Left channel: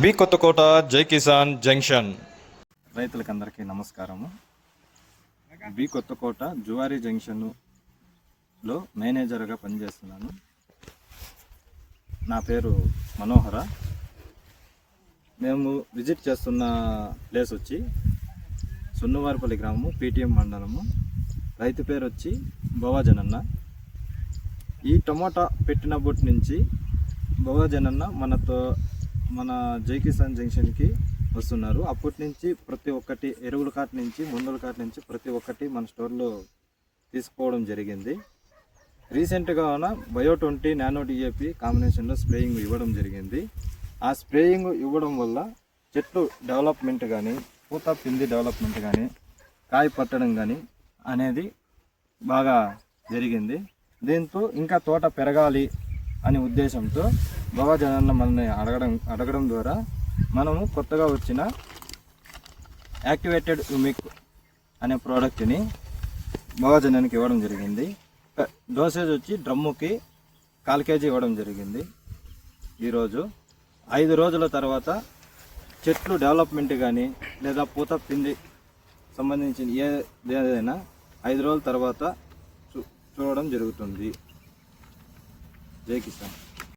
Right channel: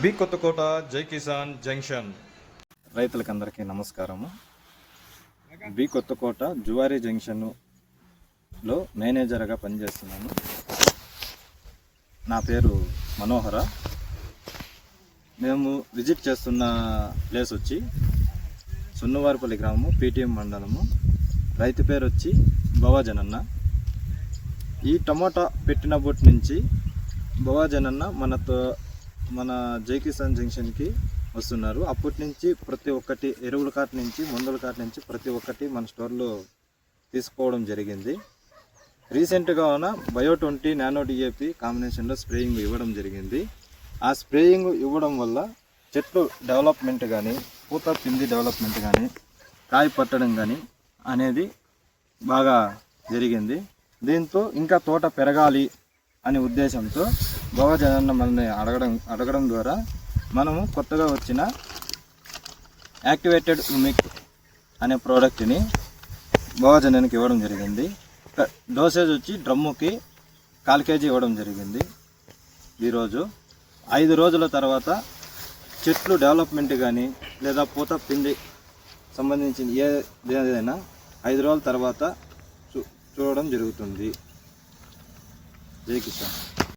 B Kothakota జై Kisan junction. రైతులకందరికీ నమస్కారము. B Kothakota Zuari జంక్షన్లో మేనేజర్గా పనిచేస్తున్నాను. నా పేరు మనోహర. మేము విజిట్ చేస్తున్న ప్లేస్ వచ్చి సున్నవారిపల్లి గ్రామము, పీటీఎం మండలము. రైతు పేరు వచ్చి భవాజనన్న. ఈ టమోటా పెట్టినప్పటి నుంచి భవాజనన్న మన జై కిసాన్ జంక్షన్కి వస్తున్నారు. అప్పటి నుంచి ప్రతి ఒక్కటి ఎరువుల కాటి నుంచి మందుల కాటి నుంచి ప్రతి ఒక్కటి మన స్టోర్లో తీసుకోవడం జరిగింది. రీసెంట్గా బయో 20 నానో డిఏపి కాంబినేషన్లో స్ప్రేయింగ్ ఇవ్వడం జరిగింది. ఆ స్ప్రేయింగ్ ఇవ్వడం వల్ల చెట్లు డెవలప్మెంట్ కానీ, పూత పిండి డెవలప్మెంట్ కానీ, కాయ పట్టడం కానీ అనేది బాగా జరిగింది. దీంతో ఇంకా తోట పెరగాలి అనే ఉద్దేశంతో భవాజనన్న మనల్ని అడగడం ద్వారా మనము కొత్తగా వచ్చిన యాక్టివేటెడ్ హ్యూమిక్ అనే ప్రోడక్ట్ని భవాజనన్నకి ఇవ్వడం జరిగింది. డోసేజ్ వచ్చి డ్రమ్ముకి 1/4 kg ఇవ్వడం జరిగింది. ఈరోజు 5 రోజుల తర్వాత చెట్లు డెవలప్మెంట్ కానీ లేదా పూత పిండి సంబంధించిన ఏదైనా 5 రోజుల తర్వాత చూడడం జరుగుతుంది. జై కిసాన్.